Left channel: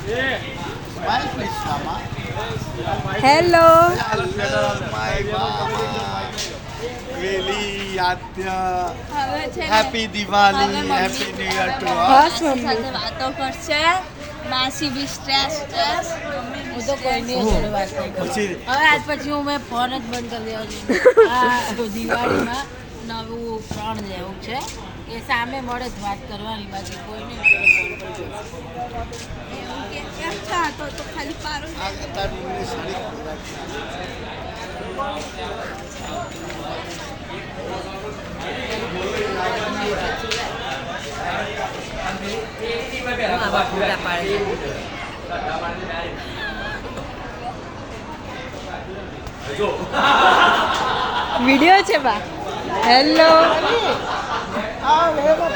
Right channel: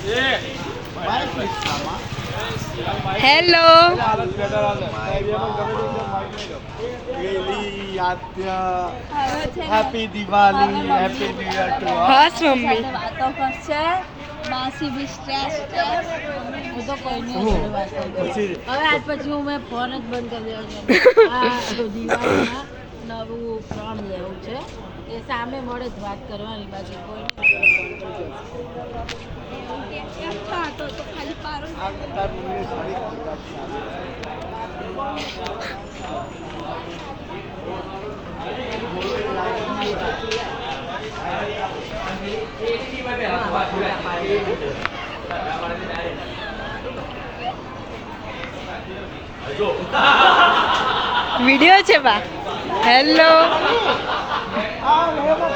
Smile please, Mama. Hello My Mama. Really, Adya. Happy Diwali. Happy New Year to us. Bus mummy વાતો કરશે માસી બી stress હું તો કોઈની જોડે વાત નહીં કરું. પછી હવે આજ પછી હું મેં ફોન જ બંધ કરી દેવાનો આ દિવાળીમાં નવું ફોન લેવું છે એ સામે મળે જ વાત કરવાની બાકી કોઈ અચ્છા તો ખાલી પારો આ તારું મમ્મી સુધી વિડીયો છે બા હેલો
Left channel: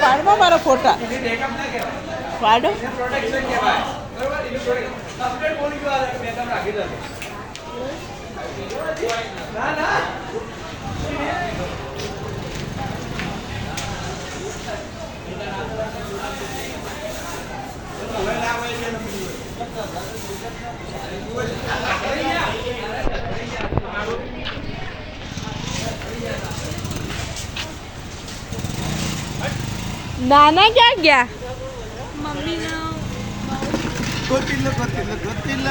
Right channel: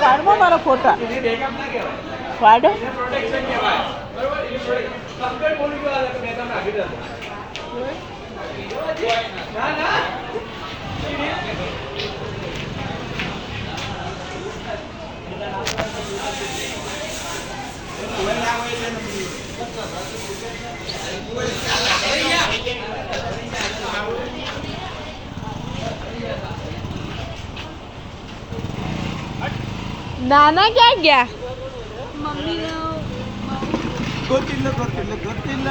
પાડમાં મારા ફોટા પાડો નાના ક્યાં ગયા ಗೊತ್ತಿಲ್ಲ ಗೊತ್ತಿಲ್ಲ ಗೊತ್ತಿಲ್ಲ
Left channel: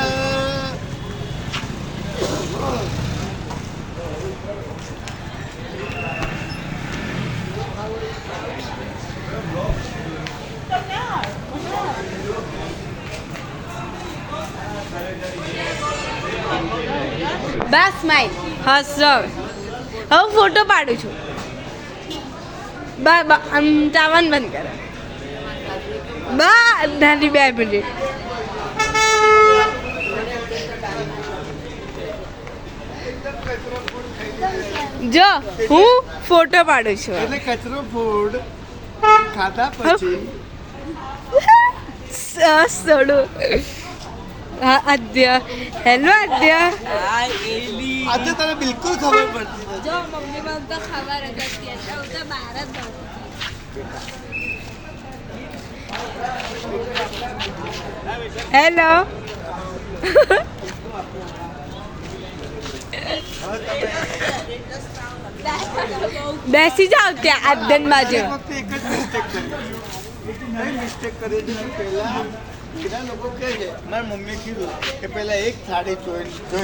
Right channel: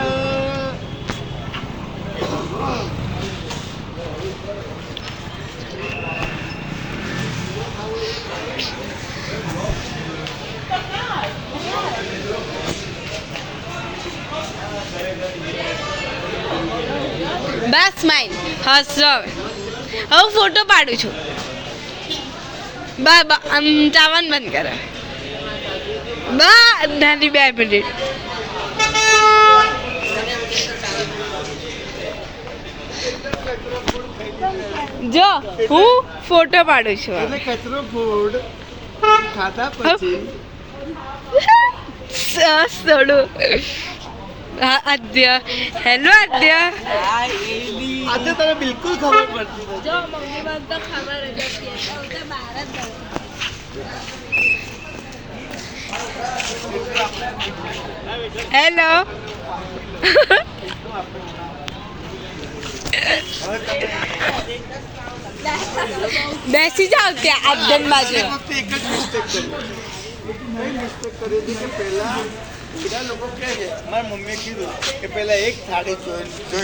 બસ સ્માઈલ હસ હવે ફોટો પાડું છું બા આમ ચાવન બંધ કરે બા નાની 2 મિનિટ જો હું ફોટો પાડું છું એટલે કચરો ફૂડ ખાધા પછી થોડું આદ્ય હેલો આદ્ય આજે તને બિલકુલ ખબર પડતી નથી. જો મમ્મી મને તો ખબર જ હતી એટલે હું તો બહાર જ ગઈ. હેલો બેસી જાઓ ત્યાં આદ્યન બાજુ એક વખતે એક જ મિસ્ટેક કરી કઈ મિસ્ટેક કરી હતી કે પહેલા બધા લોકો કહે છે મારી મમ્મીએ કીધું કે પહેલા એક થાળી જોઈ લે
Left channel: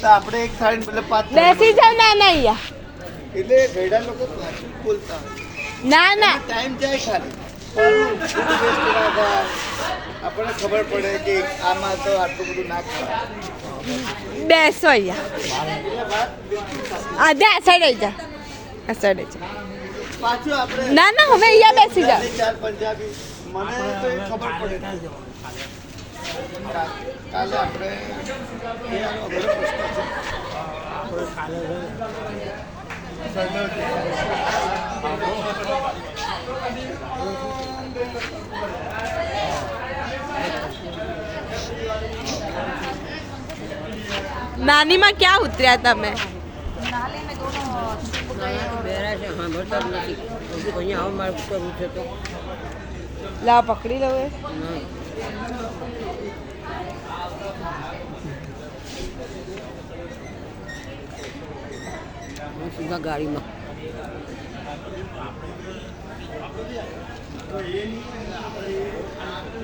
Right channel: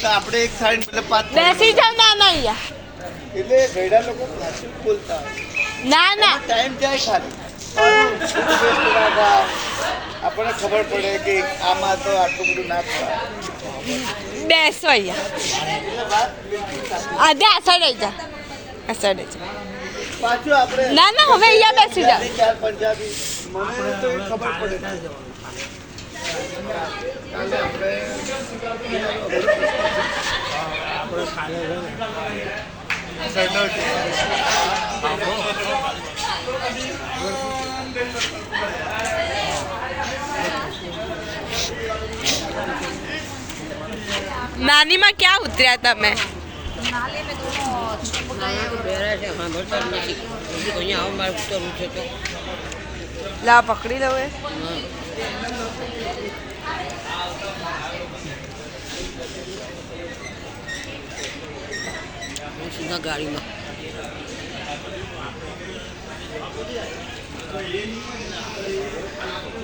તો આપણે એક થાળી એટલે 5 બેસી જાઓ નાના અહીંયા એટલે ઘણા લોકો પાછું બોલતા ના ના ટાઈમ જાય ખાલી આપણને ખબર પડે કે આમાં તો આટલું બધું ના ખવાય. બેસો અહીંયા આધે આ સાઈડ જા આ સાઈડ જા પાછું આપણે ના ના હવે અહીંયા બેસી જાઓ ચાર પંજાબી મને તો એ ખબર પડે કાલે આપણે નાનીમાં ક્યાં ઉતર્યા તમે લા પકડી લો એ સીધા ગાડીમાં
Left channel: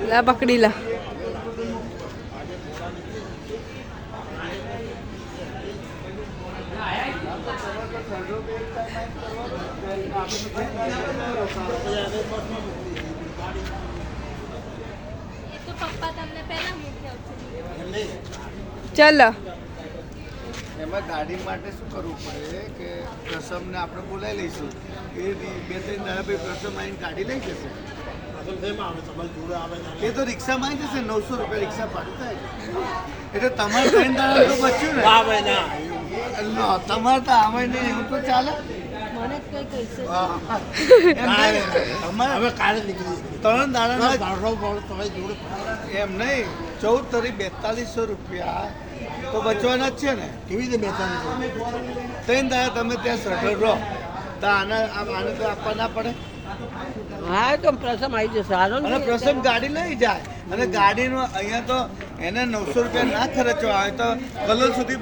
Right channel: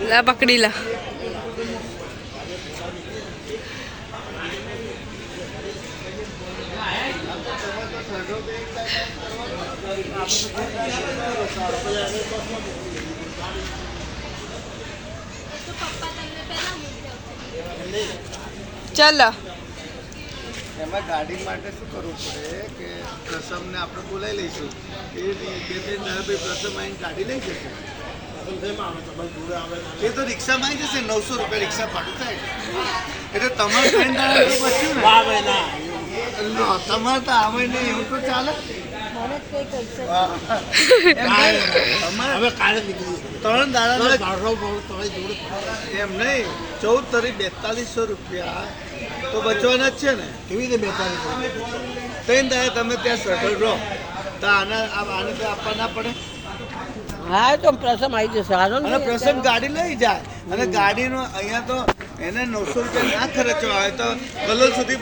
લા પકડી લા તો પપ્પા તમને પહેલા મૂકી આવશે ચલો એમાં ગાડી માટે શું કરવું પડે કે પ્રસમને આપણે બોલાવી લઈશું એ 2-3 જણા ભાઈ પ્રસમ આવીને ગાડી લઈ જશે એ તો રિક્ષામાં આવી જશે 900 રૂપિયા રિક્ષા ભાડું થાય એટલે તમારે 3 દાડા તો બચ્યું ને તમારે તો આવે નહીં એવું તો ચાલે ત્રણ દાડા એમ નહીં 14 તારીખ 4200 રૂપિયા તો બચવાના જ છે ને કેવી રીતે 4200 ત્રણ દાડા તમે ત્યાં સટલ રહો તો આને તો આપવા ના પડે હા તો પ્રસમ આવી જશે હાલો ને અને પ્રસંગ ગાડી લઈ જાય અને ગાડીનું અહીંયા તો એને 900 રૂપિયા ના ખર્ચવા આવે તો કલોલ સુધી